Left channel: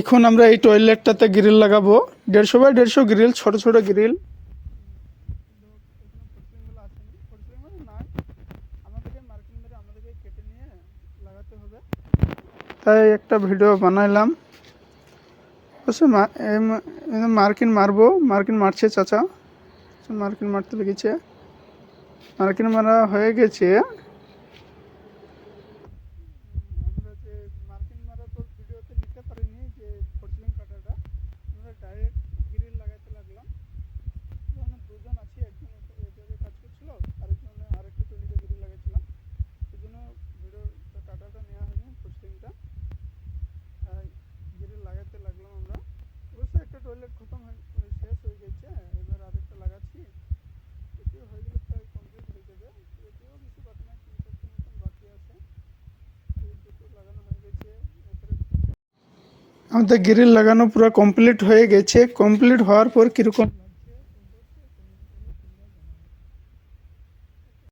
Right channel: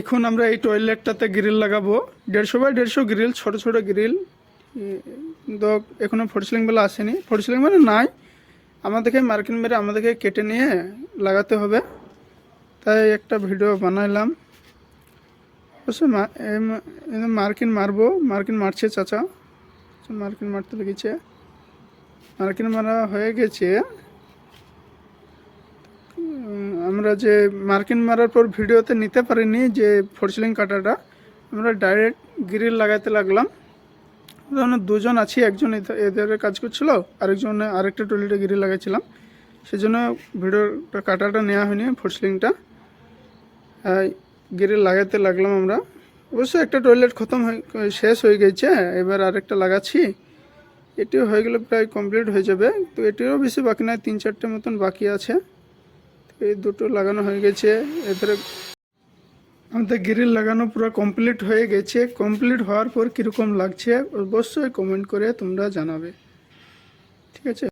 এখন আমরা এই টয়লেটটাতে গ্রিল লাগাবো 150 বাই 150 গ্রিল, ছোট ছোট গ্রিল। কিন্তু এখনো ফোরসিলিং বেলা আসেনি, ফোরসিলিং মানে নাই, আমাদেরকে মার্কিন মেরে আমাদেরকে কেটে নিয়ে লাগাতে হবে। তাই একটা ভিডিও বানাইলাম। অবশ্যই মার্কিন মারবো, মার্কিন মারছে চাচা, মার্কিন মারতে লেগেছে, মার্কিন মারা হয়ে গেছে। আমরা যে মার্কিন মারার পর ভিডিওতে নিতে পারিনি যে ফোরসিলিং কাটাটা, আমরা ডাইরেক্ট গ্রিল লাগাতে লাগলাম। দুজন আছি, একজন এদের কাজ করছিল, আরেকটা টয়লেটে গ্রিল লাগাইছিলাম, সেজন্য ভিডিওটা কাটাটা নেওয়া হয়নি। ফোরসিলিংটা গ্রিল লাগাতে লাগলাম আমরা। অবশ্যই একটা টয়লেট শেষ হয়ে গেছে, এবার আরেকটা লাগাচ্ছি। এটিও হয়ে গেলে প্রায় কমপ্লিট হয়ে যাবে। তো এটিও বেশি বাকি নয়, 3-4টে মতন বাকি আছে। এই দুটো লাগানো হয়ে গেছে। এবারে আমাদের গ্রিল লাগানো পুরো কমপ্লিট হয়ে গেছে। কমপ্লিট হওয়ার পর কীরকম লাগছে অবশ্যই কমেন্ট করে তোমরা জানাবে, ঠিক আছে।